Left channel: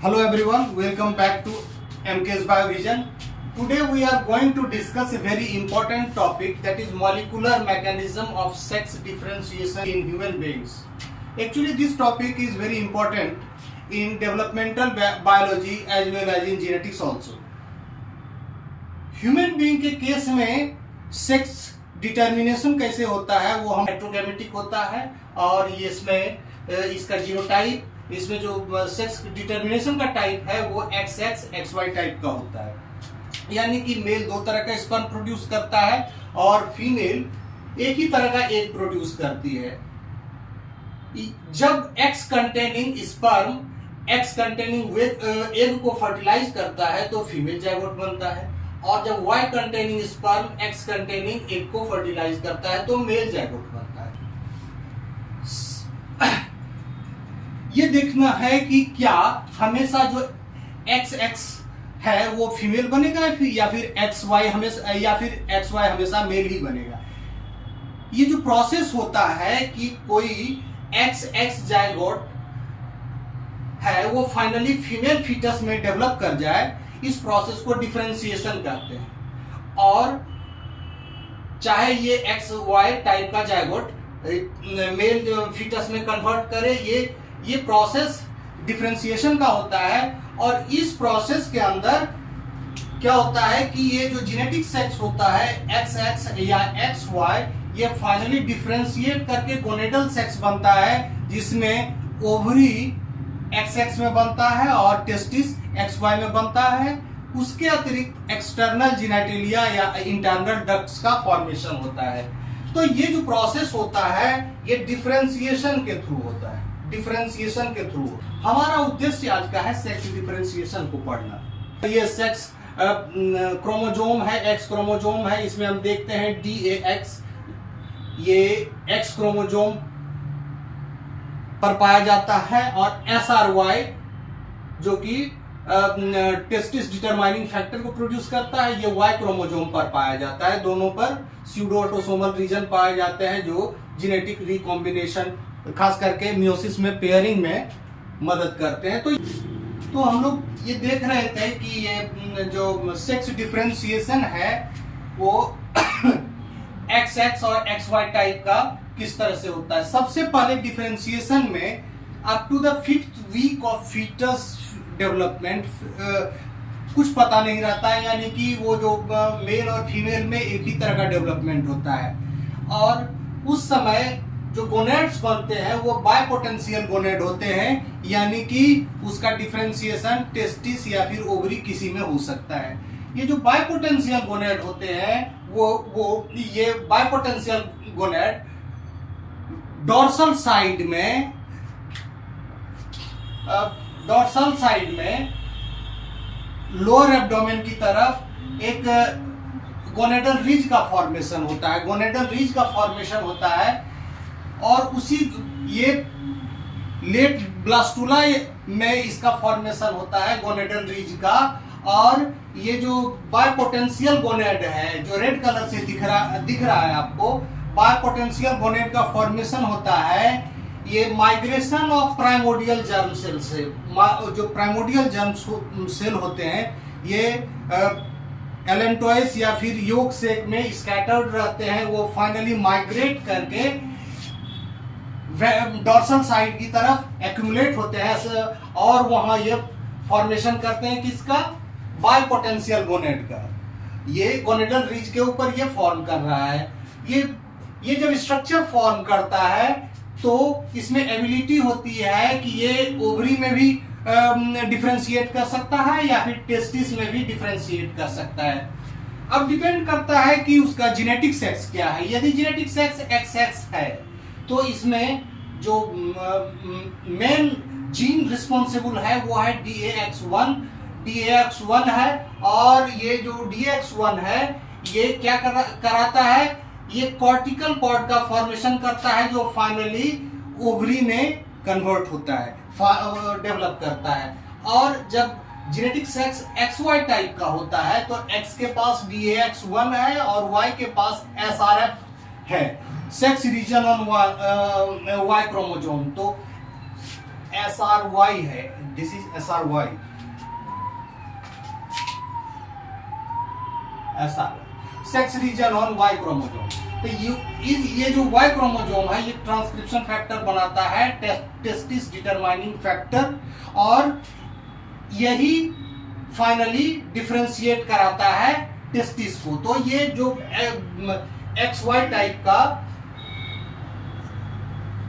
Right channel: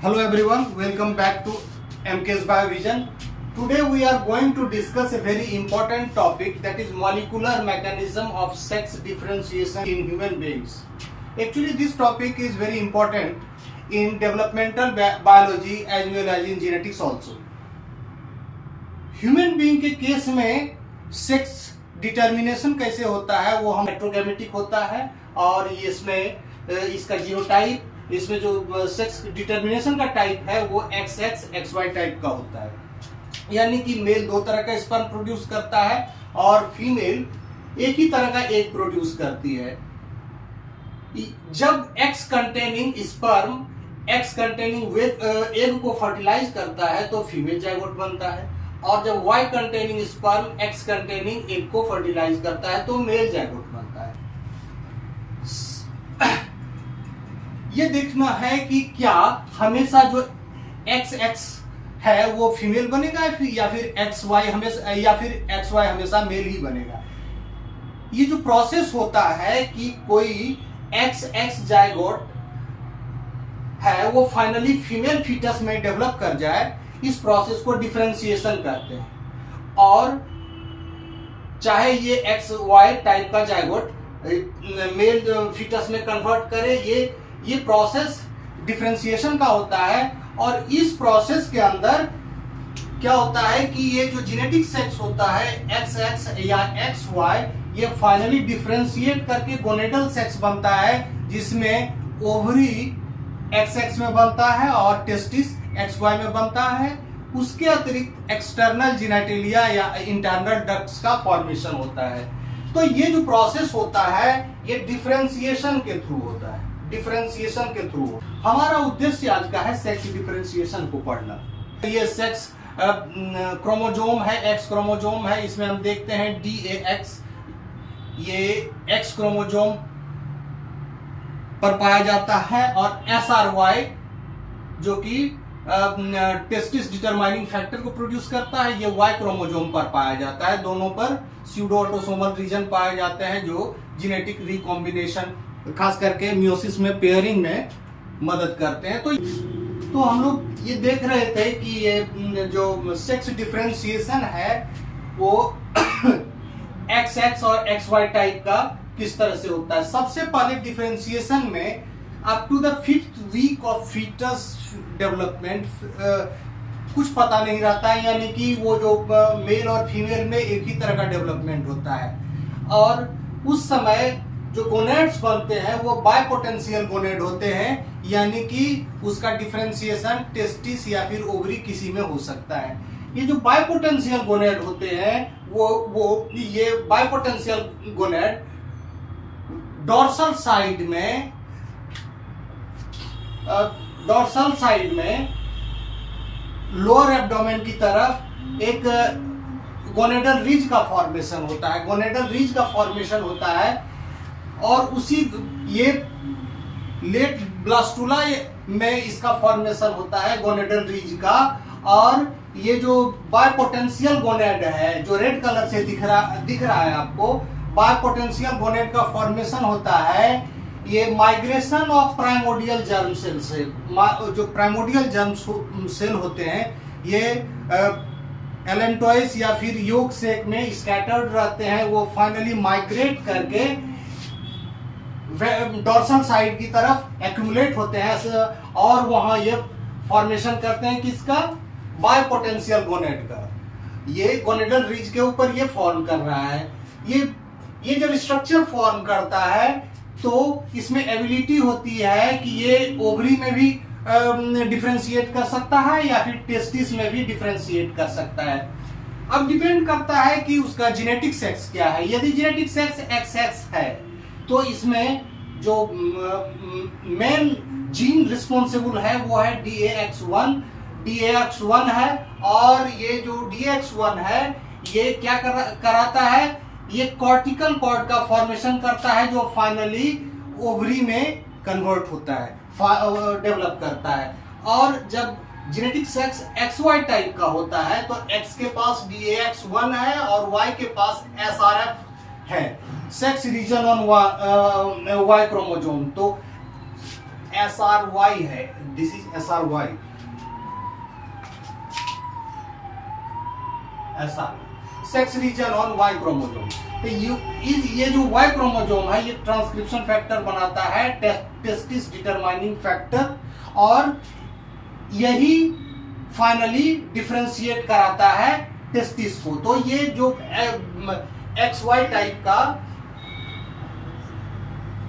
Hello everyone, welcome back to MK's Biovision. Today we are going to discuss a very important topic, that is molecular mechanism of sex differentiation in human beings. Actually this topic is very important in developmental biology as well as in genetics also. Human being के case में sex determination कैसे होता है, वो हम हेट्रोगैमेटिक होता है और ये इसमें इसका जीनोटाइप, इसमें जो सेक्स डिटर्मिनेशन का टाइप है वो XX XY टाइप का होता है, यानी कि मेल दो तरह का स्पर्म प्रोड्यूस करता है और फीमेल एक ही तरह का एग प्रोड्यूस करती है। जब X containing sperm X containing egg को फर्टिलाइज करता है तो फीमेल जाइगोट बनता है, और जब Y containing sperm X containing egg को फर्टिलाइज करता है तो मेल जाइगोट बनता है। ये देखना है कि क्या हमेशा जो XX है वो फीमेल बनेगा या फिर XY हमेशा हमेशा मेल ही बनेगा। ये जो प्रोसेस होता है कि कोई XX जाइगोट है वो फाइनली फीमेल फीटस में डेवलप कर जाए, इस प्रोसेस को डिफरेंशिएशन कहते हैं। और चाहे ये XY टाइप का जाइगोट मेल फीटस में कन्वर्ट करे, ये प्रोसेस डिफरेंशिएशन का होता है। और इस प्रोसेस के अंदर क्या होता है कि ये जो जेनेटिक सेक्स होता है XX या XY, ये फाइनली डिफरेंशिएट करके गोनेडल सेक्स बनता है, जिसमें ओवरी XX में बनता है और टेस्टिस XY में बनता है। उसके अतिरिक्त एक्सटर्नल जेनिटलिया या इंटरनल डक्ट्स का फॉर्मेशन होता है। तो ये जो प्रोसेस होता है ये डिफरेंशिएशन के थ्रू होता है। डिफरेंशिएशन के थ्रू हमारा उद्देश्य आज का है सेक्स डिफरेंशिएशन को पढ़ना। ये सेक्स क्रोमोजोम है, X क्रोमोजोम है, इसमें हम देखते हैं DAX, ये X क्रोमोजोम पर पाया जाता है, और SRY जो कि टेस्टिस डिटरमाइनिंग फैक्टर को प्रोड्यूस करता है, ये Y क्रोमोजोम पर पाया जाता है। दोनों पर स्यूडो ऑटोसोमल रीजन पाए जाते हैं जो जेनेटिक रिकॉम्बिनेशन, खास करके मियोसिस में पेयरिंग में मदद करते हैं। तो हम लोग ये देख रहे थे कि ये जो सेक्स डिफरेंशिएशन है वो XX और XY टाइप का किस तरह से होता है। सबसे पहले डिफरेंशिएशन में up to the 5th week of foetus development कुछ पता नहीं रहता है, यानी कि वो जो मेल और फीमेल में एक ही तरह का डेवलपमेंट होता है। और उस समय जो गोनेड्स बनते हैं वो बायपोटेंशियल गोनेड होते हैं, यानी कि उसका डिफरेंशिएशन टेस्टिस या फिर ओवरी किसी में हो सकता है। ये जो बायपोटेंशियल गोनेड होते हैं वो ये बायपोटेंशियल गोनेड डॉर्सल साइड में लोअर एब्डोमेन की तरफ एक गोनेडल रिज का फॉर्मेशन होता है। गोनेडल रिज का फॉर्मेशन होता है और उसी ये लेट ब्लास्टुला में इसका फॉर्मेशन होता है गोनेडल रिज का। और ये जो बायपोटेंशियल गोनेड है जो रेड कलर से दिख रहा है आपको, बायपोटेंशियल गोनेड का फॉर्मेशन होता है ये migration of primordial germ cell से। जो प्राइमोडियल जर्म सेल होते हैं ये एलेंटोइस या फिर योग सेक में स्कैटर्ड रहते हैं, वो फाइनली माइग्रेट करके डॉर्सल साइड की तरफ एक्यूमुलेट होते हैं और वहां ये फॉर्मेशन करते हैं किसका, बायपोटेंशियल गोनेड का। ये गोनेडल रिज के ऊपर ये फॉर्म कर रहा है। ये जब स्ट्रक्चर फॉर्म करता है तो इसमें एबिलिटी होती है कि ये ओवरी में भी डिफरेंशिएट कर सकता है या फिर टेस्टिस में भी डिफरेंशिएट कर सकता है। अब डिपेंड करता है कि उसका जेनेटिक सेक्स क्या है। यदि जेनेटिक सेक्स XX है तो इसमें जो मेन जीन रिस्पॉन्सिबल है वो है DAX1 है। और ये जो DAX1 है ये क्या कराता है, ये कॉर्टिकल कॉर्ड का फॉर्मेशन करता है जो फाइनली ओवरी में कन्वर्ट होता है, डेवलप करता है। और जब जेनेटिक सेक्स XY टाइप का होता है तो X के पास DAX1 है और Y के पास SRF है, sex region on Y chromosome. तो SRY है, this is SRY, sex region on Y chromosome. तो ये जो वाई क्रोमोजोम है ये ट्रांसक्रिप्शन फैक्टर बनाता है, टेस्टिस डिटरमाइनिंग फैक्टर, और यही फाइनली डिफरेंशिएट कराता है टेस्टिस को। तो ये जो XY टाइप का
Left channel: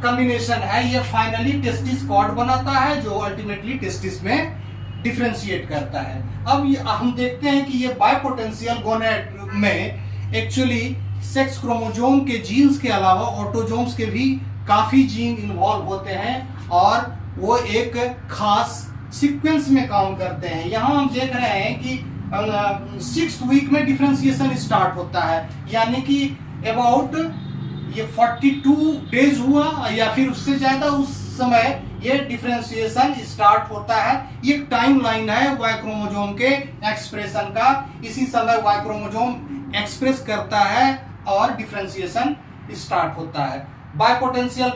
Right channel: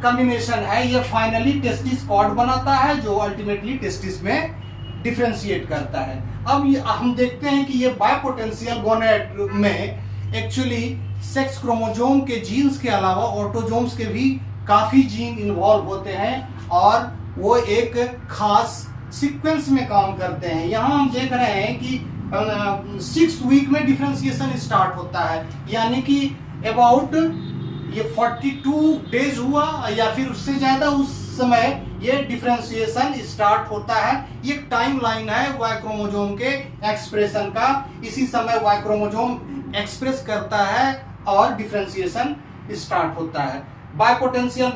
कॉम्बिनेशन है ये फाइनली टेस्टिस कॉर्ड बनाता है, जो अल्टीमेटली टेस्टिस में डिफरेंशिएट करता है। अब हम देखते हैं कि ये बायपोटेंशियल गोनेड में एक्चुअली सेक्स क्रोमोजोम के जीन्स के अलावा ऑटोजोम्स के भी काफी जीन इन्वॉल्व होते हैं और वो एक खास सीक्वेंस में काम करते हैं। यहाँ हम देख रहे हैं कि 6th वीक में डिफरेंशिएशन स्टार्ट होता है, यानी कि अबाउट ये 42 डेज हुआ या फिर उससे ज्यादा, उस समय ये डिफरेंशिएशन स्टार्ट होता है। ये टाइम लाइन है वाई क्रोमोजोम के एक्सप्रेशन का, इसी समय वाई क्रोमोजोम एक्सप्रेस करता है और डिफरेंशिएशन स्टार्ट होता है। बायपोटेंशियल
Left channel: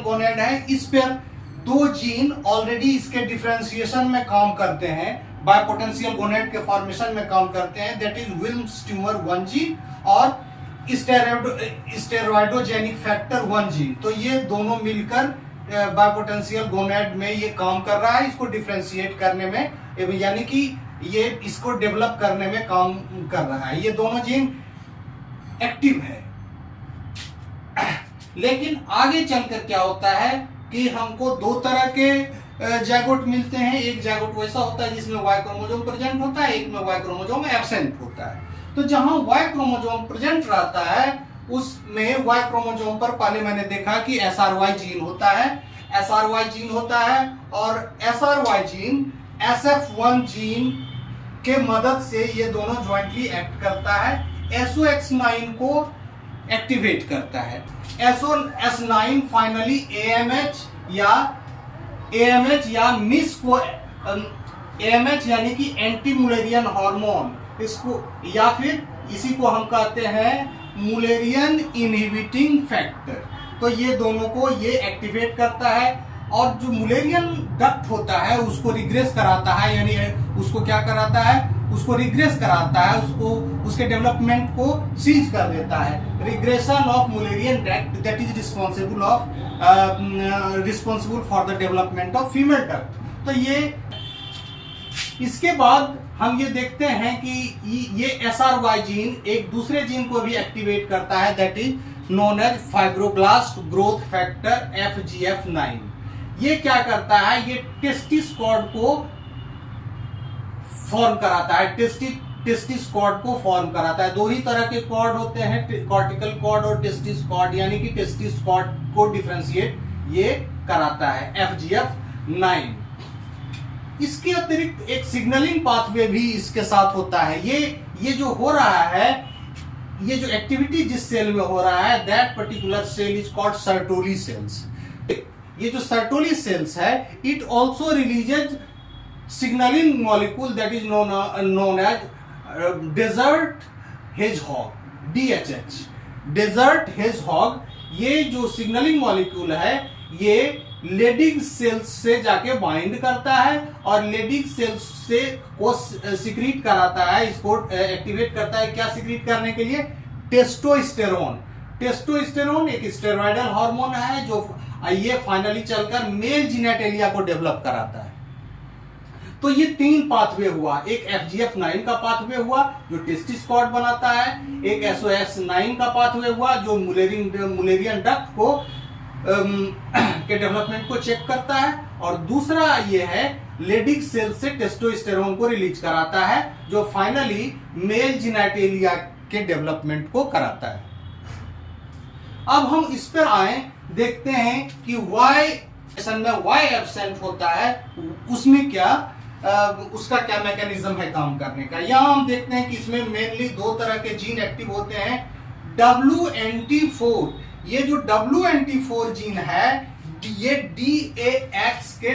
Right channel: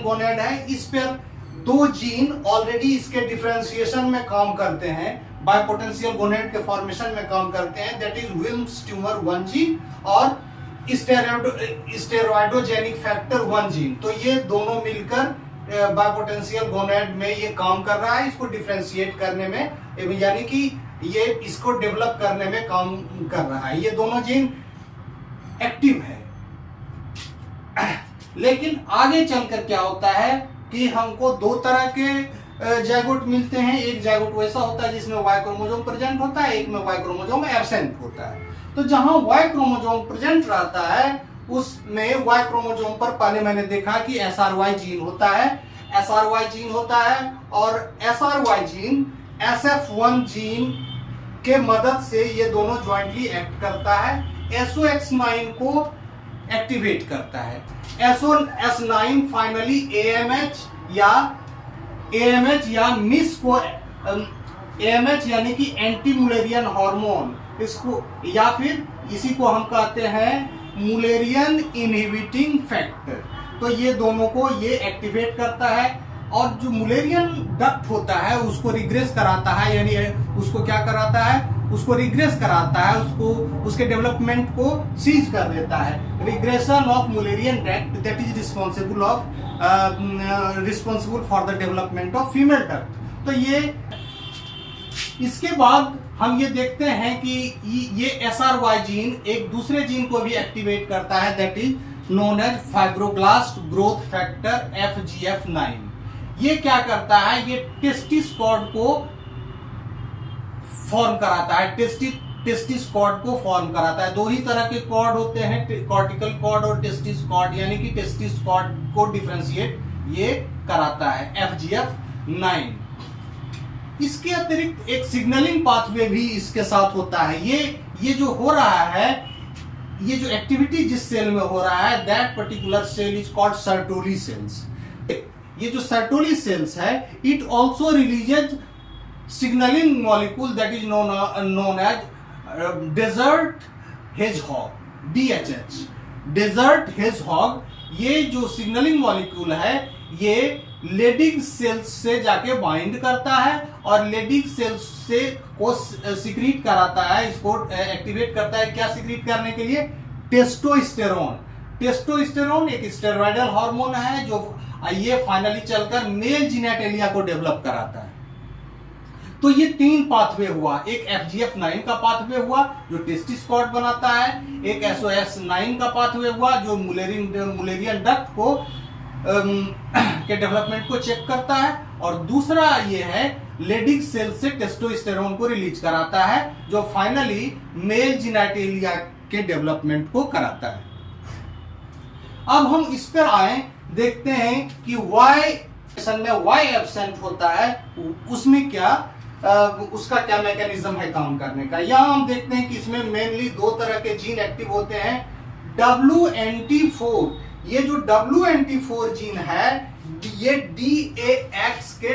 गोनेड है, इस पर 2 जीन ऑलरेडी इसके डिफरेंशिएशन में काम करते हैं, बायपोटेंशियल गोनेड के फॉर्मेशन में काम करते हैं, that is Wilms tumour 1 gene और स्टेरॉयडोजेनिक फैक्टर 1 जीन। तो ये दोनों मिलकर बायपोटेंशियल गोनेड में ये काम कर रहा है, इसको डिफरेंशिएट करने में, यानी कि ये इसको डेवलप करने में काम कर रहा है। ये दोनों जीन एक्टिव है। लेकिन आगे चलकर क्या होता है कि हमको 2 तरह के जाइगोट मिलते हैं। एक जाइगोट वैसा होता है जिसमें वाई क्रोमोजोम प्रेजेंट होता है, एक में वाई क्रोमोजोम एब्सेंट होता है। तो जहां वाई क्रोमोजोम प्रेजेंट रहता है उसमें वाई क्रोमोजोम पर पहले मैंने देखा कि SRY जीन होता है, और SRY जीन SF1 जीन के मदद से ये दोनों ज्वाइंटली एक्ट करता है, SOX9 को एक्टिवेट करता है। SOS9 फाइनली AMH या मिस को AMH यानी कि एंटी मुलेरियन हार्मोन, इसको या फिर इसी को हम कहते हैं मुलेरियन इनहिबिटिंग फैक्टर। तो ये दोनों को ये एक्टिवेट करता है और जो मुलेरियन डक्ट होता है उसको रिग्रेस कराता है, यानी उसको क्या कराता है, उसको रिग्रेस कराता है, उसको उसके डेवलपमेंट को सीज कर देता है। Regression of Mullerian duct that is responsible for the development of female duct. तो ये इसके बाद हम ये देखते हैं कि ये SRY जीन एक दूसरे जीन को भी एक्टिवेट करता है, that is known as fibroblast growth factor FGF9। ये क्या करता है, ये टेस्टिस कॉर्ड को फॉर्म कराता है, टेस्टिस कॉर्ड को फॉर्म कराता है। 2 ही तरह के कॉर्ड होते हैं, कॉर्टिकल कॉर्ड और टेस्टिस कॉर्ड, यानी कि टेस्टिस कॉर्ड को डिफरेंशिएट ये कराता है FGF9। इसके अतिरिक्त एक सिग्नलिंग पाथवे भी इसके साथ होता है। ये जो हो रहा है, ये जो एक्टिविटी जिस सेल में हो रहा है, that particular cell is called Sertoli cells. ये जो सर्टोली सेल्स है, it also releases signalling molecule that is known as desert hedgehog, DHH, desert hedgehog. ये जो सिग्नलिंग मॉलिक्यूल है ये लेडिंग सेल्स से जाके बाइंड करता है और लेडिंग सेल्स से को सिक्रीट कराता है, इसको एक्टिवेट करता है। क्या सिक्रीट करने के लिए? टेस्टोस्टेरोन। टेस्टोस्टेरोन एक स्टेरॉयडल हार्मोन है जो ये फाइनली चलकर मेल जीनेटेलिया को डेवलप कराता है। तो ये 3 पाथवे हुआ, एक FGF9 का पाथवे हुआ जो टेस्टिस कॉर्ड बनाता है, एक SOS9 का पाथवे हुआ जो मुलेरियन डक्ट को के डेवलपमेंट को चेक करता है, और दूसरा ये है लेडिंग सेल से टेस्टोस्टेरोन को रिलीज कराता है जो फाइनली मेल जीनेटेलिया के डेवलपमेंट को कराता है। अब हम इस पर आए, देखते हैं कि वाई एब्सेंट होता है उसमें क्या उसका क्या मैकेनिज्म है काम करने का। यहां हम देखते हैं कि इसमें मेनली 2 तरह के जीन एक्टिव होते हैं। WNT4, ये जो WNT4 जीन है ये DAX के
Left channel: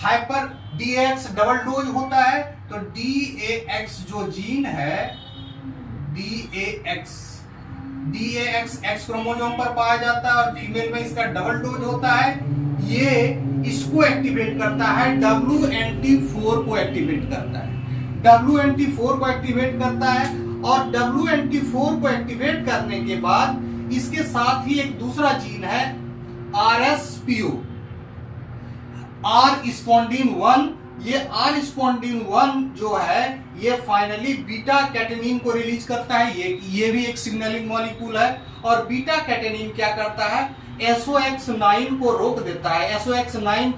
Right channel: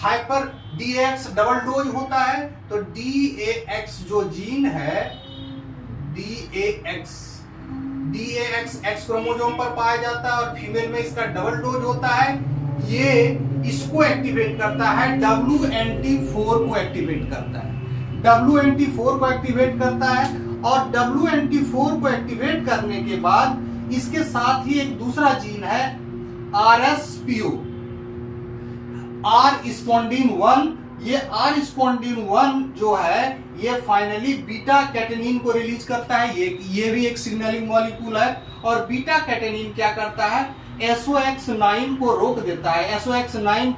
हाइपर DAX डबल डोज होता है। तो DAX जो जीन है, DAX एक्स क्रोमोसोम पर पाया जाता है और फीमेल में इसका डबल डोज होता है। ये इसको एक्टिवेट करता है, WNT4 को एक्टिवेट करता है, WNT4 को एक्टिवेट करता है। और WNT4 को एक्टिवेट करने के बाद इसके साथ ही एक दूसरा जीन है RSPO, R स्पॉन्डिन 1। ये R स्पॉन्डिन 1 जो है ये फाइनली बीटा कैटेनिन को रिलीज करता है। ये भी एक सिग्नलिंग मॉलिक्यूल है। और बीटा कैटेनिन क्या करता है, SOX9 को रोक देता है, SOX9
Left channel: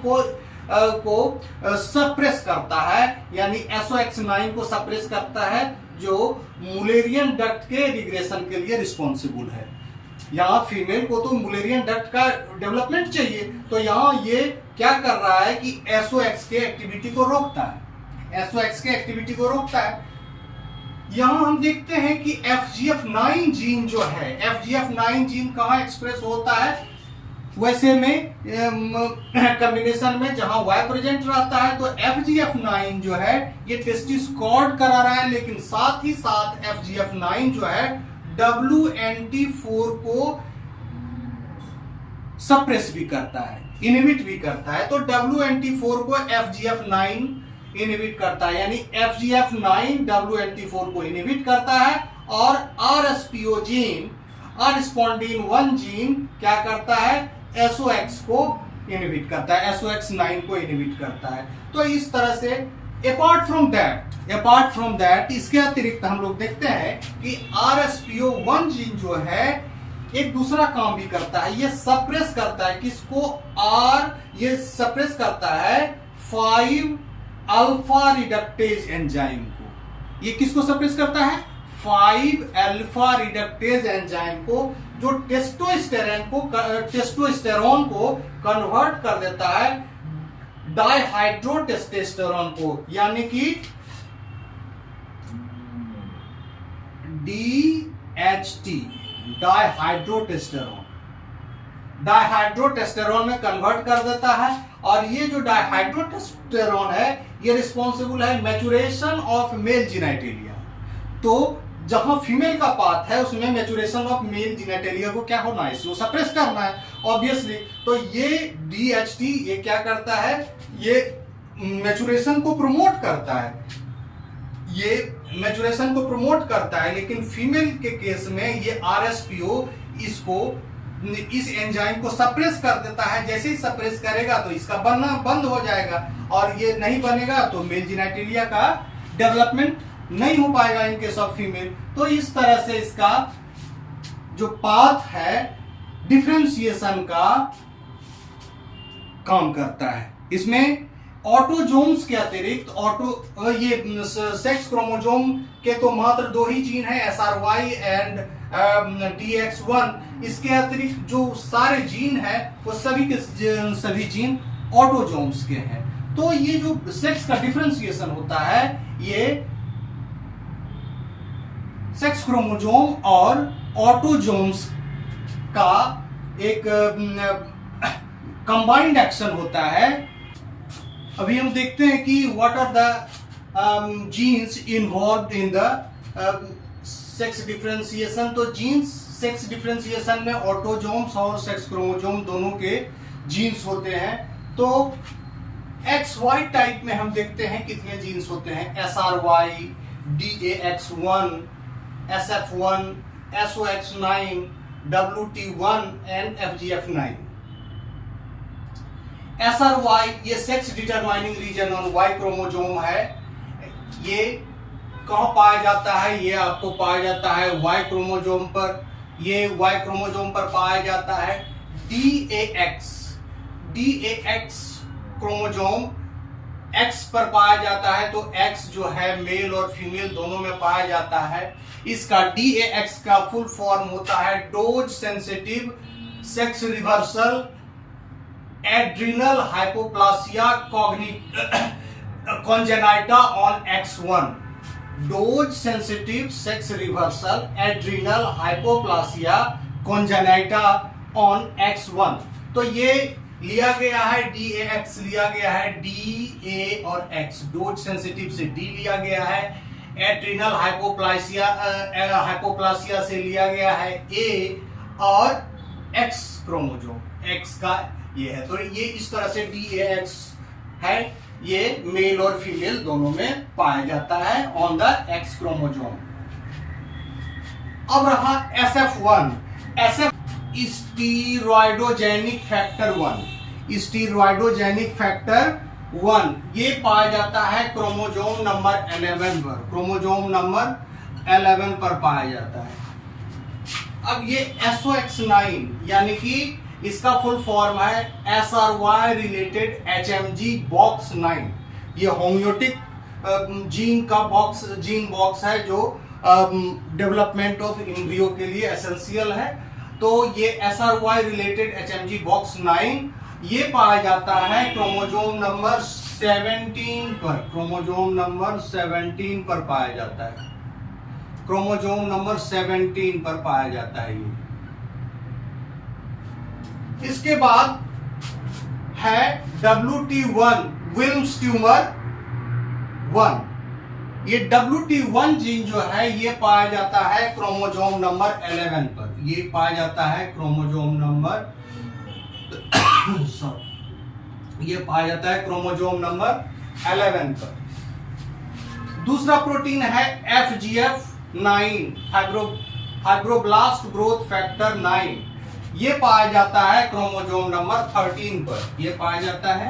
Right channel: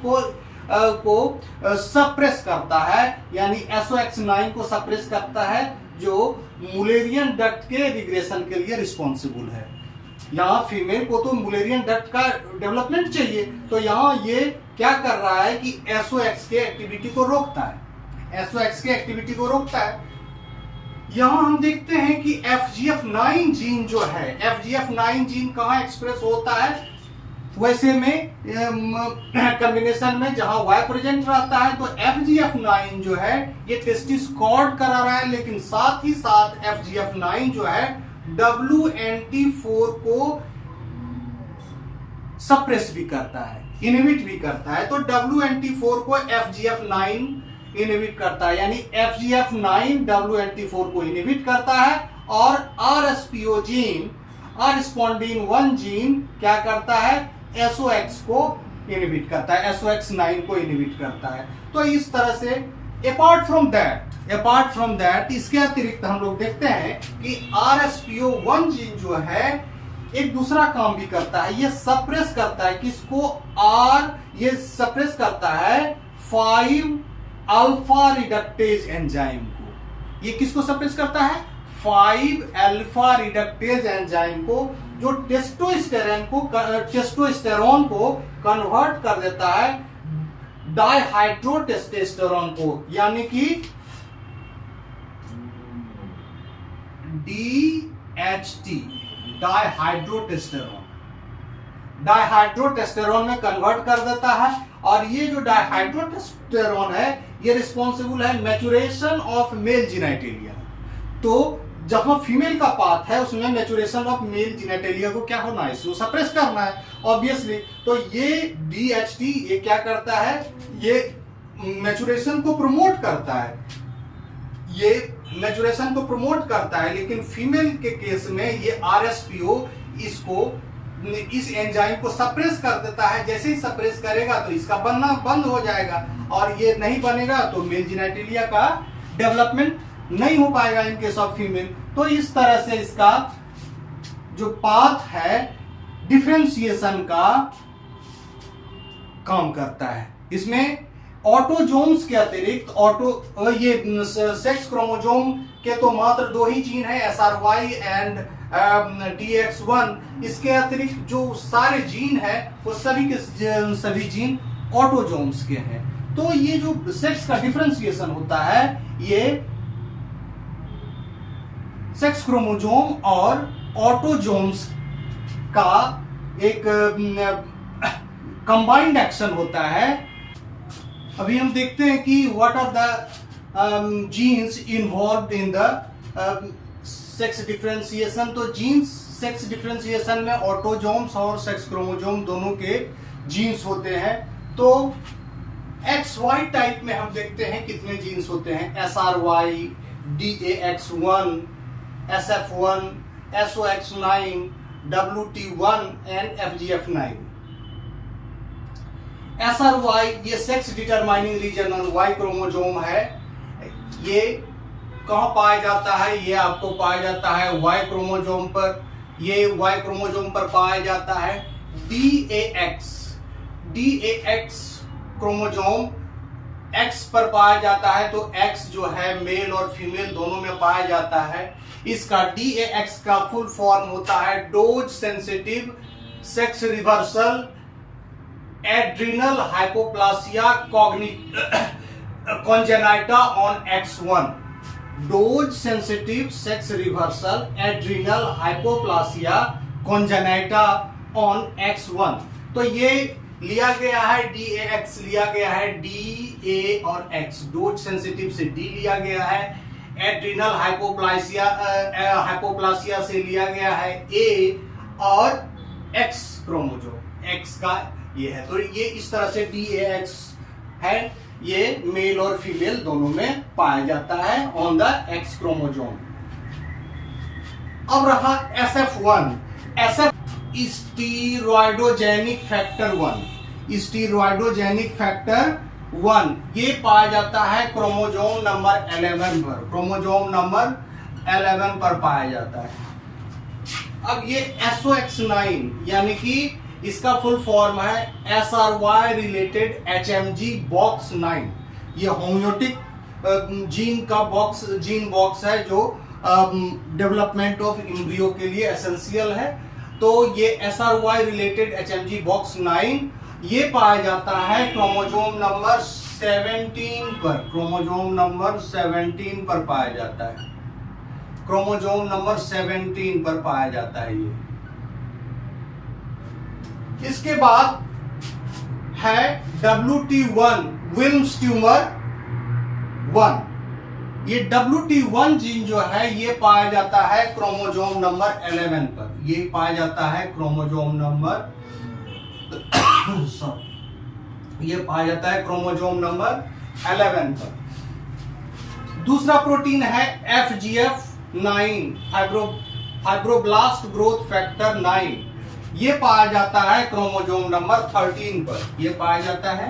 को सप्रेस करता है, यानी SOX9 को सप्रेस करता है जो मुलेरियन डक्ट के रिग्रेशन के लिए रिस्पॉन्सिबल है। यहाँ फीमेल को तो मुलेरियन डक्ट का डेवलपमेंट चाहिए, तो यहाँ ये क्या कर रहा है कि SOX के एक्टिविटी को रोकता है, SOX के एक्टिविटी को रोकता है। यहाँ हम देखते हैं कि FGF9 जीन जो है, FGF9 जीन कहाँ एक्सप्रेस होता है, वैसे में कॉम्बिनेशन में जहां Y प्रेजेंट रहता है तो FGF9 जो है ये टेस्टिस कॉर्ड करा रहा है, लेकिन साथ ही साथ FGF9 जो है WNT4 को सप्रेस भी करता है, इनहिबिट भी करता है। तो WNT4 को FGF9 इनहिबिट करता है, यानी FGF9 WNT4 को इनहिबिट करता है। और RSPO जीन, R स्पॉन्डिन 1 जीन क्या करता है, SOX को इनहिबिट करता है, SOX9 को इनहिबिट करता है। तो इस तरह से अपार्ट फ्रॉम दैट इसके अतिरिक्त हम लोग देखते हैं कि RSPO1 जीन जो है एक दूसरा काम भी करता है, ये सप्रेस करता है किसको, ये सप्रेस करता है 5 अल्फा रिडक्टेज एंजाइम को। ये किसको सप्रेस करता है, 5 अल्फा रिडक्टेज एंजाइम को, जो टेस्टोस्टेरोन को कन्वर्ट कर देता है डाइहाइड्रोटेस्टेस्टेरोन को, यानी कि DHT, डाइहाइड्रोटेस्टेरोन में कन्वर्ट कर देता है। और ये जो डाइहाइड्रोटेस्टेरोन है ये रिस्पॉन्सिबल है मैचुरेशन ऑफ मेल जिनेटेलिया। तो जहां फीमेल का पाथ है उसमें मैचुरेशन ऑफ मेल जिनेटेलिया को क्या होना है, इसको सप्रेस करना है ऑब्वियसली। तो ये DHT ये क्या करता है, ये मैचुरेशन को प्रमोट करता है, ये मैचुरेशन को प्रमोट करता है। लेकिन फीमेल के केस में ये RSPO इस एंजाइम को सप्रेस कर देता है। जैसे ही सप्रेस करेगा तो इसका बनना बंद हो जाएगा, और ये नहीं बनेगा तो मेल जिनेटेलिया का डेवलपमेंट नहीं हो पाएगा इन केस ऑफ फीमेल। तो इस तरह से इसका जो पाथ है डिफरेंशिएशन का काम करता है। इसमें ऑटोजोम्स के अतिरिक्त ये सेक्स क्रोमोजोम के तो मात्र 2 ही जीन है, SRY एंड DX1। इसके अतिरिक्त जो सारे जीन है वो सभी के सभी जीन ऑटोजोम्स के हैं। तो ये जो सेक्स का डिफरेंशिएशन होता है ये सेक्स क्रोमोजोम और ऑटोजोम्स का एक कंबाइंड एक्शन होता है। अभी हम देखते हैं कि what are the genes involved in the sex differentiation. तो जीन्स सेक्स डिफरेंशिएशन में ऑटोजोम्स और सेक्स क्रोमोजोम दोनों के जीन्स होते हैं। तो XY टाइप में हम देखते हैं कितने जीन्स होते हैं, SRY, DAX1, SF1, SOX9, WT1 and FGF9। SRY ये sex determining reason on Y chromosome है। ये कहां पाया जाता है, ये आपको पाया जाता है Y क्रोमोजोम पर। ये Y क्रोमोजोम पर पाया जाता है। DAX क्रोमोजोम X पर पाया जाता है। तो X जो है मेल और फीमेल दोनों में पाया जाता है। इसका DAX का फुल फॉर्म होता है dose sensitive sex reversal adrenal hypoplasia congenita on X1। Dose sensitive sex reversal adrenal hypoplasia congenita on X1। तो ये लिया गया है DAX, लिया गया है DA और X। डोज सेंसिटिव से D लिया गया है, एड्रिनल हाइपोप्लासिया से लिया गया है A, और X क्रोमोजोम X का ये है। तो ये इस तरह से DAX है, ये मेल और फीमेल दोनों में पाया जाता है ऑन द X क्रोमोसोम। अब रहा SF1। SF steroidogenic factor 1। Steroidogenic factor 1 ये पाया जाता है क्रोमोसोम नंबर 11 पर। क्रोमोसोम नंबर 11 पर पाया जाता है। अब ये SOX9 यानी कि इसका फुल फॉर्म है SRY रिलेटेड HMG बॉक्स 9। ये होम्योटिक जीन बॉक्स है जो डेवलपमेंट ऑफ एम्ब्रियो के लिए एसेंशियल है। तो ये SRY रिलेटेड HMG बॉक्स 9 ये पाया जाता है क्रोमोसोम नंबर 17 पर। क्रोमोसोम नंबर 17 पर पाया जाता है। क्रोमोसोम नंबर 17 पर पाया जाता है ये। इसके बाद है WT1 विल्म्स ट्यूमर 1। ये WT1 जीन जो है ये पाया जाता है क्रोमोसोम नंबर 11 पर। ये पाया जाता है क्रोमोसोम नंबर ये पाया जाता है क्रोमोसोम नंबर 11 पर। दूसरा प्रोटीन है FGF9 फाइब्रोब्लास्ट ग्रोथ फैक्टर 9। ये पाया जाता है क्रोमोसोम नंबर 13 पर। ये पाया जाता है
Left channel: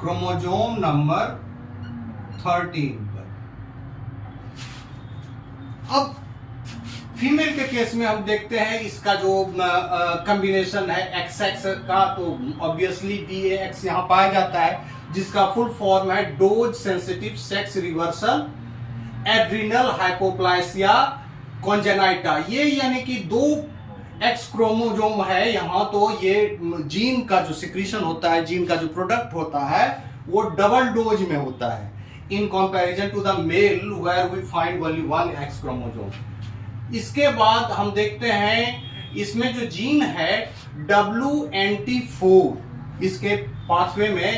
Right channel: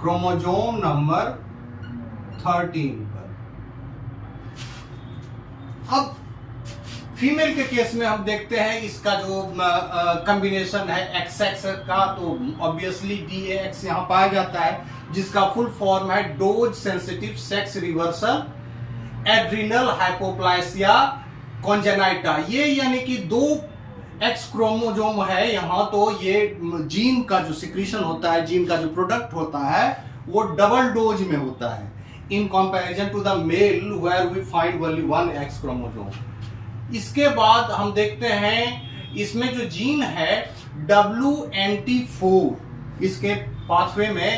क्रोमोसोम नंबर 13 पर। अब फीमेल के केस में हम देखते हैं इसका जो कॉम्बिनेशन है XX का, तो ऑब्वियसली DAX यहां पाया जाता है, जिसका फुल फॉर्म है dose sensitive sex reversal adrenal hypoplasia congenita. ये यानी कि 2 X क्रोमोसोम है यहां, तो ये जीन का जो सिक्रीशन होता है, जीन का जो प्रोडक्ट होता है वो डबल डोज में होता है in comparison to the male where we find only 1 X chromosome. इसके बाद हम देखते हैं इसमें जो जीन है WNT4, इसके पाथवे में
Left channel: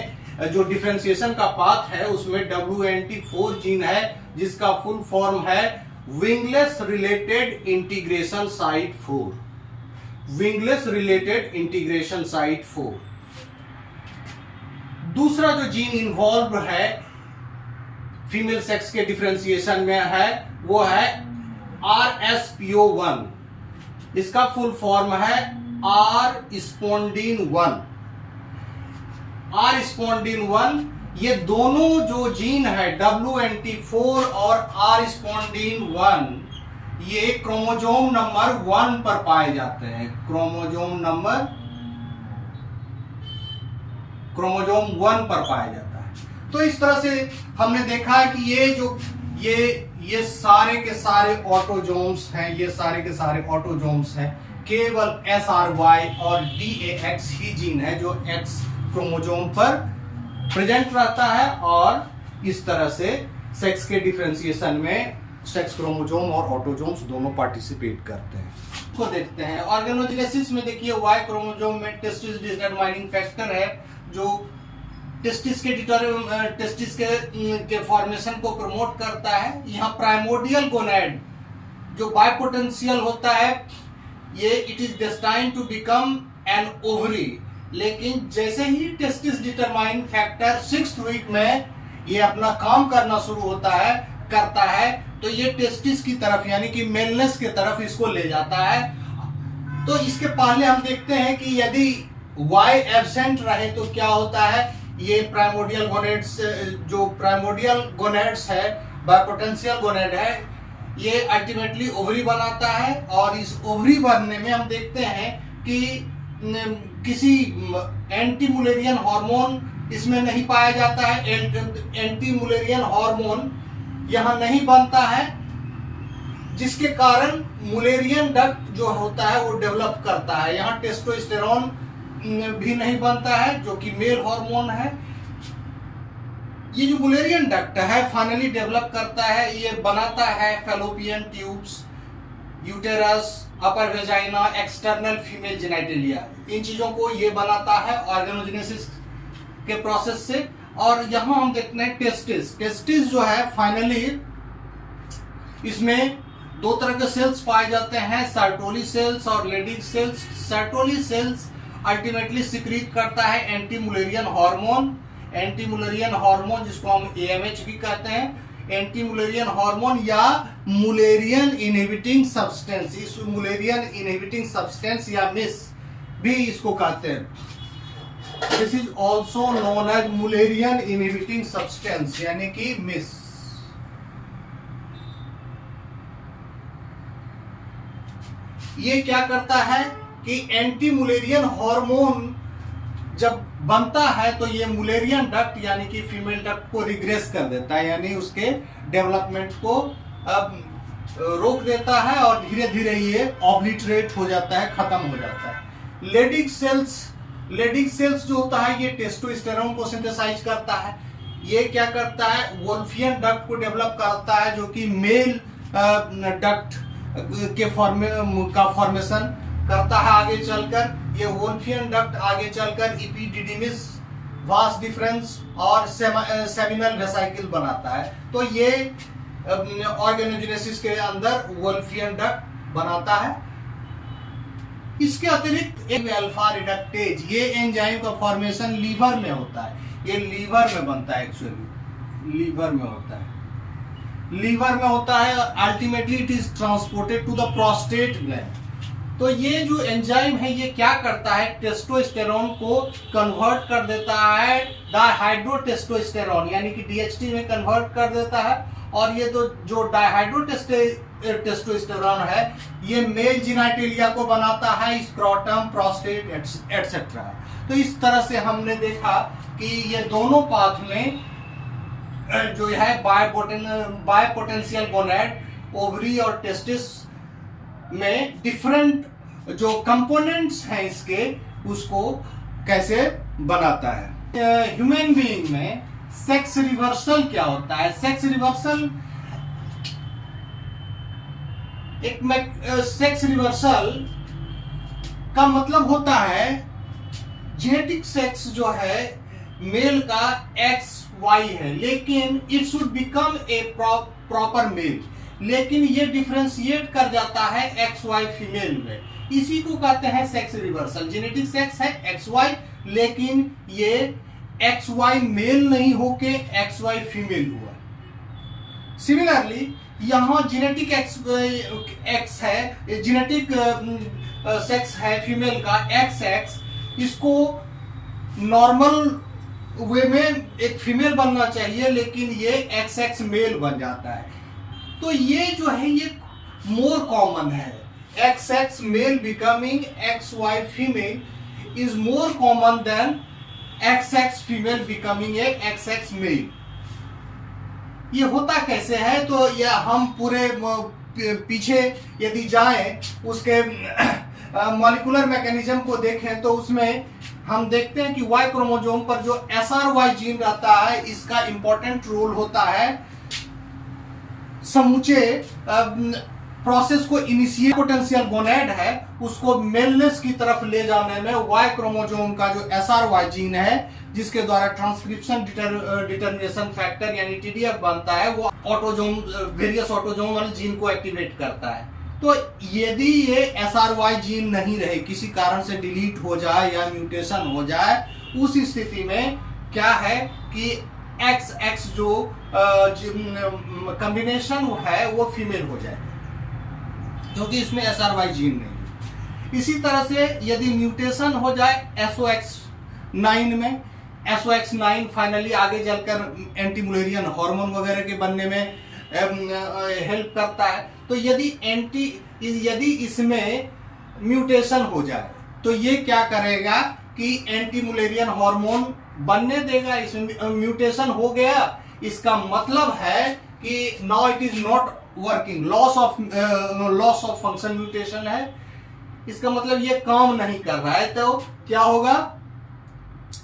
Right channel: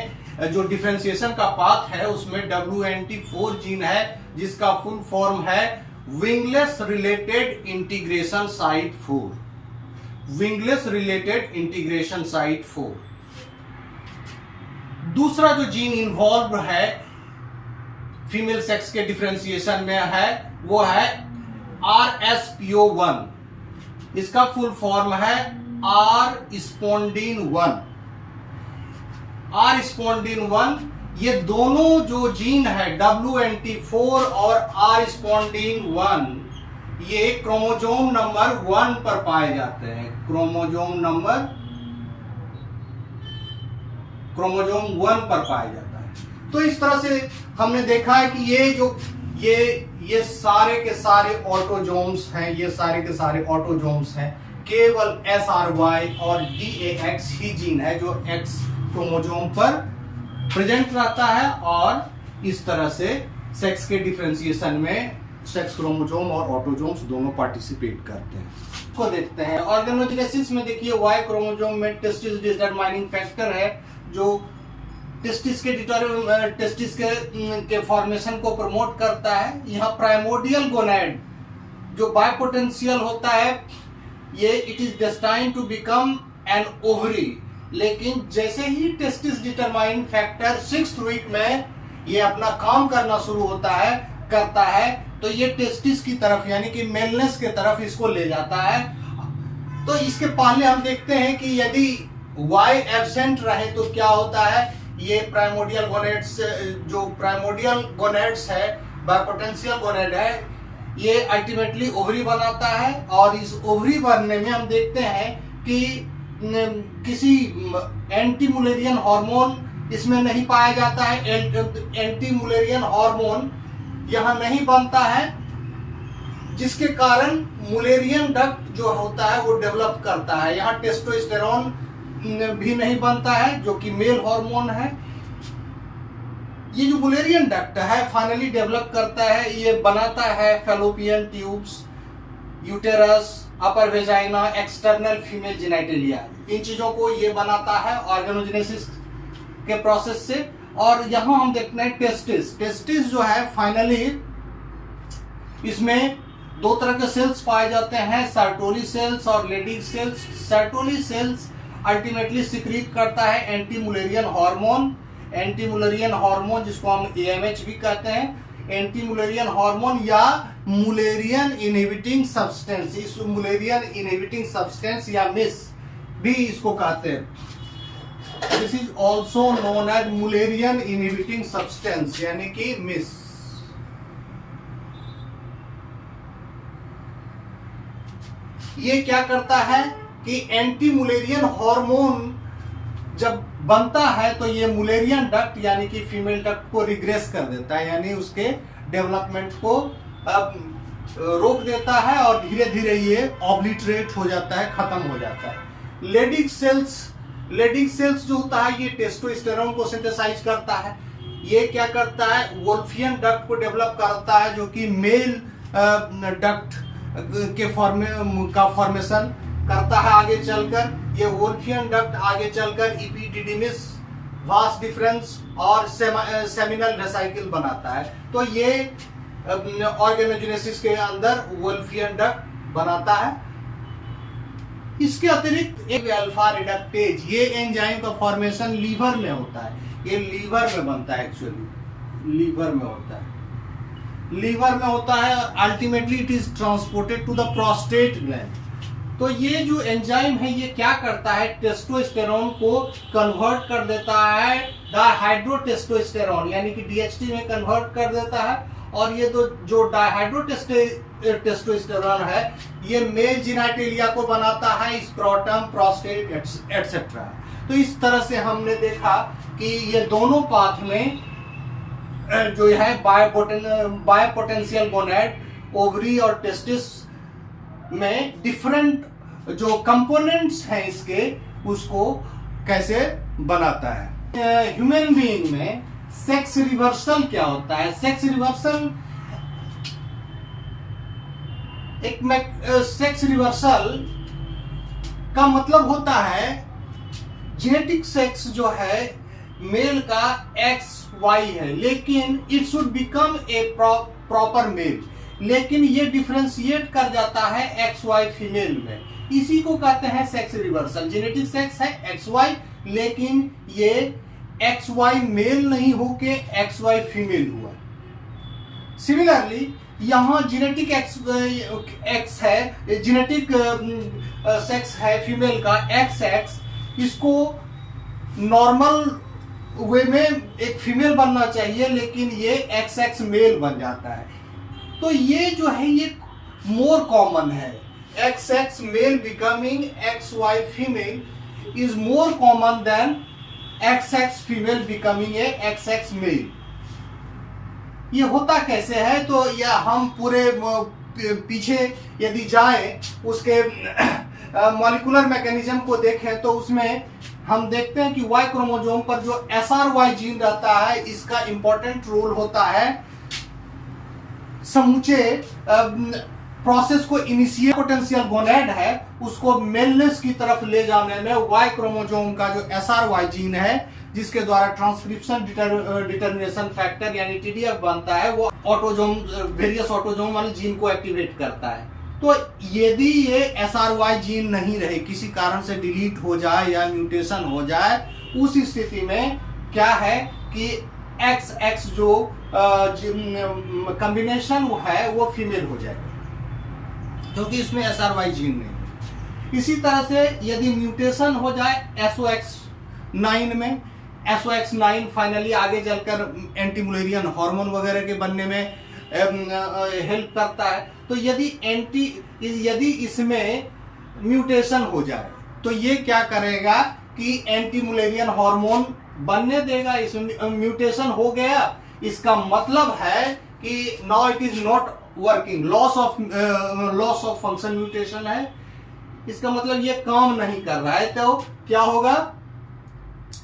जो डिफरेंशिएशन का पाथ है उसमें WNT4 जीन है, जिसका फुल फॉर्म है wingless related integration site 4। Wingless related integration site 4। दूसरा जो जीन इन्वॉल्व है फीमेल सेक्स के डिफरेंशिएशन में है वो है RSPO1। इसका फुल फॉर्म है R स्पोंडिन 1। R स्पोंडिन 1 ये दोनों जो जीन है WNT4 और R स्पोंडिन 1 ये क्रोमोसोम नंबर 1 पर पाए जाते हैं। क्रोमोसोम 1 पर पाया जाता है। तो इस तरह से हमने देखा है कि ये सारे के सारे ऑटोजोम्स हैं, ये सारे के सारे ऑटोजोम्स हैं। केवल SRY और DAX ही जीन है जो X क्रोमोसोम पर प्रेजेंट रहता है, और इस तरह से सेक्स के डिफरेंशिएशन में सेक्स क्रोमोसोम और ऑटोजोम्स दोनों पार्टिसिपेट करते हैं। इसको देखते हैं ऑर्गेनोजेनेसिस में। देखिए Y क्रोमोसोम में टेस्टिस डिटरमाइनिंग फैक्टर है जो टेस्टिस के फॉर्मेशन को प्रमोट करता है। यहाँ प्राइमोडियल गोनैड जो बायपोटेंशियल होता है ये it is destined to become an ovary, लेकिन जैसे ही testis determine factor 6th week में ये अपना काम करना शुरू करता है तो ये टेस्टिस की तरफ यानी कि मेलनेस के तरफ इसको ले जाता है। तो इसके पहले हम देखते हैं कि यदि Y एब्सेंट रहे तो क्या होता है। ये प्राइमोडियल गोनेड्स जो प्राइमोडियल गोनेड्स है, बायपोटेंशियल गोनेड है, ये अल्टीमेटली ओवरी बनाता है, और इस ओवरी बनने में हम देखते हैं कि किसी एंटी मुलेरियन हार्मोन इसमें नहीं पाया जाता है। एंटी मुलेरियन हार्मोन यहां नहीं बनता है, जिसके कारण मुलेरियन डक्ट जो होता है वो डेवलप करता है। यहाँ टेस्टोस्टेरोन भी नहीं बनता है जो कि मेल हार्मोन है। ये जो मुलेरियन डक्ट है फाइनली डेवलप करता है, ये बनाता है fallopian tubes, uterus, upper vagina, external female genitalia. इन चीजों को ये बनाता है ऑर्गेनोजेनेसिस के प्रोसेस से। और यहां हम देखते हैं टेस्टिस जो है फाइनली इसमें 2 तरह के सेल्स पाए जाते हैं, सर्टोली सेल्स और Leydig cells. Sertoli cells ultimately secrete करता है anti Mullerian hormone. Anti Mullerian hormone जिसको हम AMH भी कहते हैं, एंटी मुलेरियन हार्मोन या मुलेरियन इनहिबिटिंग सब्सटेंस। इस मुलेरियन इनहिबिटिंग सब्सटेंस या मिस भी इसको कहते हैं। This is also known as Mullerian inhibiting substance यानी कि मिस। ये क्या करता है कि एंटी मुलेरियन हार्मोन जब बनता है तो ये मुलेरियन डक्ट यानी कि फीमेल डक्ट को रिग्रेस कर देता है, यानी उसके डेवलपमेंट को रोक देता है और धीरे धीरे ये ऑब्लिटरेट हो जाता है, खत्म हो जाता है। लेडिक सेल्स जो होता है ये टेस्टोस्टेरोन को सिंथेसाइज करता है। ये क्या करता है, वोल्फियन डक्ट को डेवलप करता है जो कि मेल डक्ट के फॉर्मेशन करता है आगे चलकर। ये वोल्फियन डक्ट आगे चलकर इपिडिडिमिस, वास डिफरेंस और सेमिनल वेसाइकल बनाता है। तो ये ऑर्गेनोजेनेसिस के अंदर वोल्फियन डक्ट बनाता है। इसके अतिरिक्त एक अल्फा रिडक्टेज, ये एंजाइम का फॉर्मेशन लीवर में होता है। ये लीवर में बनता है, एक्चुअली लीवर में होता है, लीवर में होता है। Ultimately it is transported to the prostate gland. तो ये जो एंजाइम है ये क्या करता है, टेस्टोस्टेरोन को कन्वर्ट कर देता है डाइहाइड्रोटेस्टोस्टेरोन यानी कि DHT में कन्वर्ट कर देता है। और ये जो डाइहाइड्रोटेस्टोस्टेरोन है ये मेल जेनिटलिया को बनाता है, स्क्रोटम, प्रोस्टेट एटसेट्रा। तो इस तरह से हमने देखा कि ये दोनों पाथ में जो है बायोपोटेंशियल गोनैड, ओवरी और टेस्टिस में डिफरेंट जो कंपोनेंट्स हैं इसके, उसको कैसे बनाता है। ह्यूमन बीइंग में सेक्स रिवर्सल क्या होता है? सेक्स रिवर्सल सेक्स रिवर्सल का मतलब होता है जेनेटिक सेक्स जो है मेल का XY है, लेकिन it should become a proper male, लेकिन ये डिफरेंशिएट कर जाता है XY फीमेल में। इसी को कहते हैं सेक्स रिवर्सल। जेनेटिक सेक्स है XY, लेकिन ये XY मेल नहीं होके XY फीमेल हुआ। सिमिलरली यहां जेनेटिक X है, जेनेटिक सेक्स है फीमेल का XX, इसको नॉर्मल वे में एक फीमेल बनना चाहिए, लेकिन ये XX मेल बन जाता है। तो ये जो है ये मोर कॉमन है। XX male becoming XY female is more common than XX female becoming a XX male. ये होता कैसे है? तो यह हम पूरे पीछे यदि जाएं उसके मॉलिक्यूलर मैकेनिज्म को देखें तो उसमें हम देखते हैं कि Y क्रोमोसोम पर जो SRY जीन रहता है इसका इंपॉर्टेंट रोल होता है समूचे प्रोसेस को इनिशिएट। पोटेंशियल गोनैड है उसको मेलनेस की तरफ ले जाने में Y क्रोमोसोम का जो SRY जीन है जिसके द्वारा ट्रांसक्रिप्शन डिटर्मिनेशन फैक्टर यानी TDF बनता है, वो ऑटोजोम वेरियस ऑटोजोमल जीन को एक्टिवेट करता है। तो यदि ये SRY जीन नहीं रहे, किसी कारण से डिलीट हो जाए या म्यूटेशन हो जाए, उस स्थिति में क्या है कि XX जो कॉम्बिनेशन है वो फीमेल हो जाएगा क्योंकि इसमें SRY जीन नहीं है। इसी तरह से यदि म्यूटेशन हो जाए SOX9 में, SOX9 फाइनली आगे चलकर एंटी मुलेरियन हार्मोन वगैरह के बनने में हेल्प करता है। तो यदि इसमें म्यूटेशन हो जाए तो ये क्या करेगा कि एंटी मुलेरियन हार्मोन बनने देगा। इसमें म्यूटेशन हो गया, इसका मतलब है कि now it is not working, loss of function mutation है, इसका मतलब ये काम नहीं कर रहा है। तो क्या होगा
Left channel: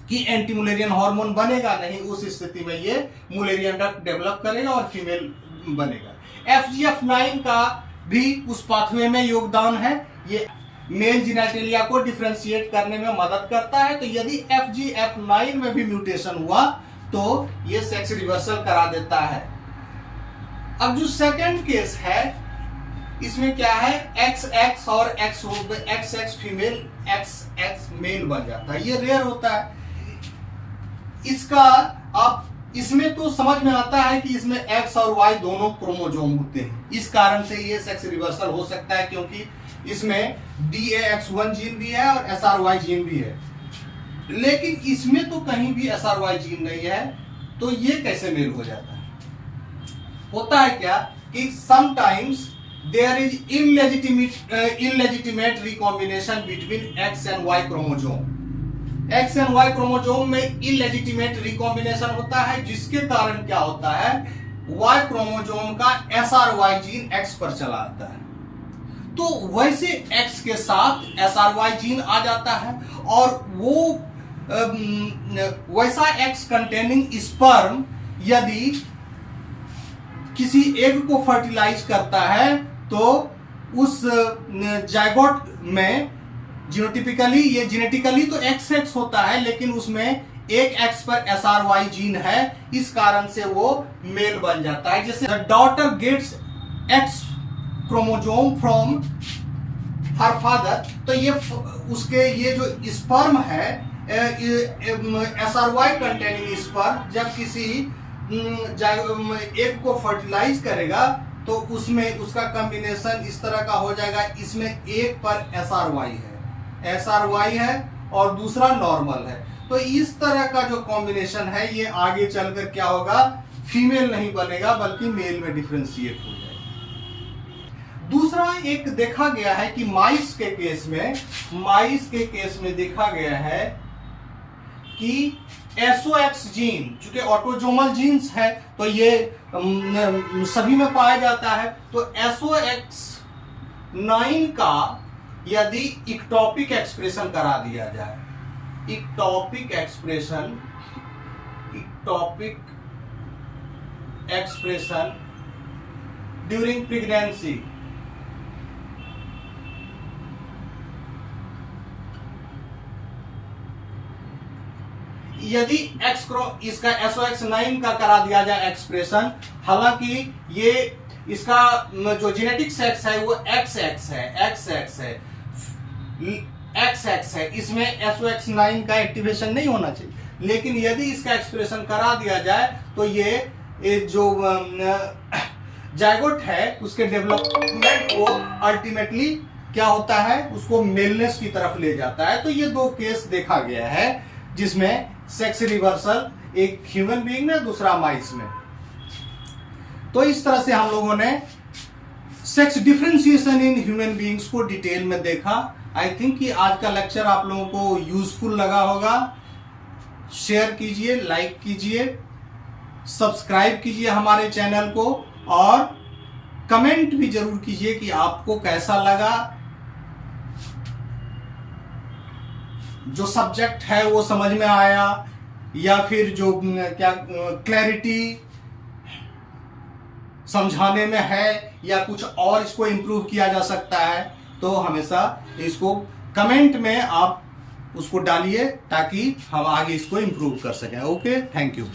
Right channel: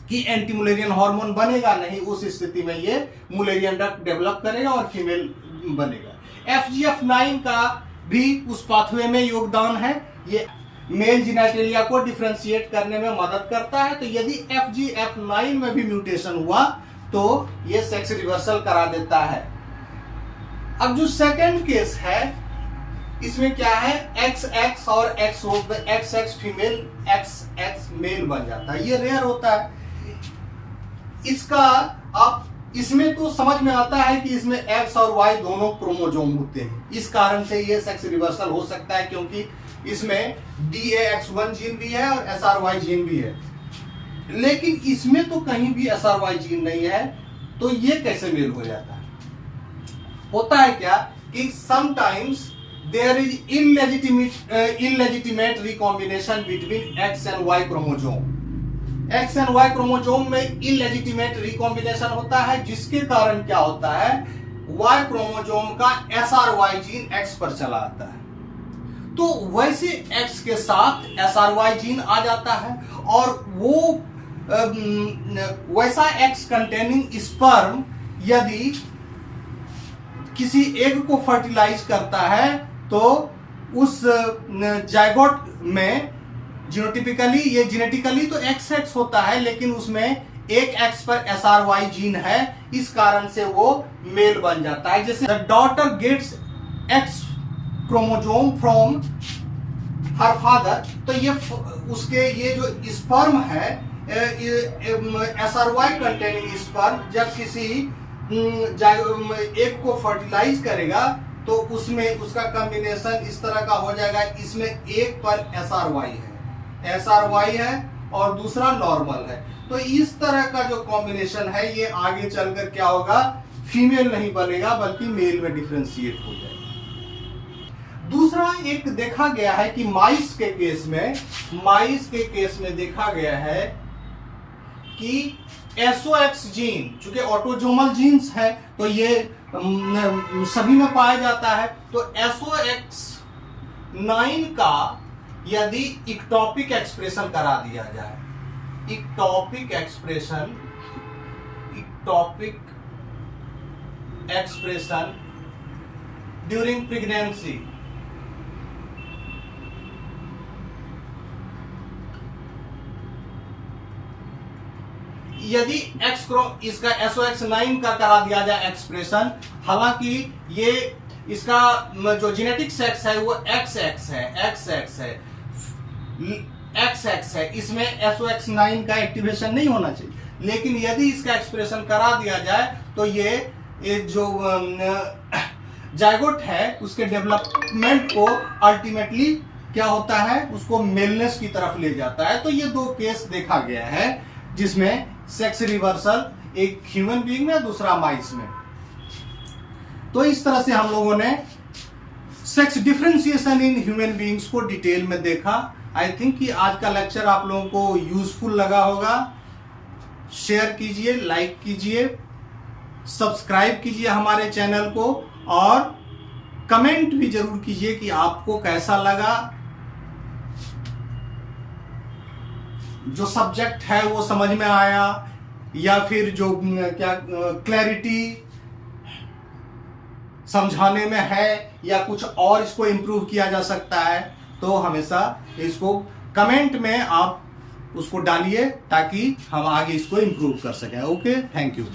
कि एंटी मुलेरियन हार्मोन बनेगा नहीं, उस स्थिति में ये मुलेरियन डक्ट डेवलप करेगा और फीमेल बनेगा। FGF9 का भी उस पाथवे में योगदान है, ये मेल जेनिटलिया को डिफरेंशिएट करने में मदद करता है। तो यदि FGF9 में भी म्यूटेशन हुआ तो ये सेक्स रिवर्सल करा देता है। अब जो सेकंड केस है इसमें क्या है XX और XX फीमेल XX मेल बन जाता है, ये रेयर होता है। इसका आप इसमें तो समझ में आता है कि इसमें X और Y दोनों क्रोमोजोम होते हैं, इस कारण से ये सेक्स रिवर्सल हो सकता है, क्योंकि इसमें DAX1 जीन भी है और SRY जीन भी है। लेकिन इसमें तो कहीं भी SRY जीन नहीं है, तो ये कैसे मेल हो जाता है? होता है क्या कि sometimes there is illegitimate recombination between X and Y chromosome. X and Y chromosome में इलेजिटिमेट रिकॉम्बिनेशन होता है, जिसके कारण क्या होता है, Y क्रोमोजोम का SRY जीन X पर चला आता है। तो वैसे X के साथ SRY जीन आ जाता है, और वो वैसा X कंटेनिंग स्पर्म यदि किसी एग को फर्टिलाइज करता है, तो उस जायगोट में जीनोटिपिकली, ये जेनेटिकली तो XX होता है, लेकिन उसमें एक X पर SRY जीन है, इस कारण से वो मेल बन जाता है। जैसे the daughter gets X chromosome from her father, तो ये उसके ये जो स्पर्म है SRY कंटेनिंग स्पर्म जब किसी एग को फर्टिलाइज करेगा, तो उसमें उसका कॉम्बिनेशन इस तरह का हो जाएगा। इसमें एक पर SRY है और दूसरा नॉर्मल है, तो इस तरह का जो कॉम्बिनेशन है ये आगे चलकर क्या होगा, फीमेल नहीं बनेगा बल्कि मेल में डिफरेंशिएट हो जाएगा। दूसरा एक देखा गया है कि माइस के केस में देखा गया है कि SOX जीन, चूंकि ऑटोजोमल जीन्स है तो ये सभी में पाया जाता है, तो SOX9 का यदि इक्टोपिक एक्सप्रेशन करा दिया जाए, इक्टोपिक एक्सप्रेशन ड्यूरिंग प्रेगनेंसी, यदि इसका SOX9 का करा दिया जाए एक्सप्रेशन, हालांकि ये इसका जो जेनेटिक सेक्स है वो XX है, इसमें SOX9 का एक्टिवेशन नहीं होना चाहिए, लेकिन यदि इसका एक्सप्रेशन करा दिया जाए तो ये जो जायगोट है उसके डेवलपमेंट को अल्टीमेटली क्या होता है, उसको मेलनेस की तरफ ले जाता है। तो ये दो केस देखा गया है जिसमें सेक्स रिवर्सल, एक ह्यूमन बीइंग में, दूसरा माइस में। तो इस तरह से हम लोगों ने sex differentiation in human beings को डिटेल में देखा। आई थिंक कि आज का लेक्चर आप लोगों को यूजफुल लगा होगा। शेयर कीजिए, लाइक कीजिए, सब्सक्राइब कीजिए हमारे चैनल को, और कमेंट भी जरूर कीजिए कि आपको कैसा लगा, जो सब्जेक्ट है वो समझ में आया, या फिर जो क्या क्लैरिटी समझाने में है, या कुछ और इसको इम्प्रूव किया जा सकता है। तो हमेशा इसको कमेंट में आप उसको डालिए ताकि हम आगे इसको इम्प्रूव कर सकें। Okay, thank you.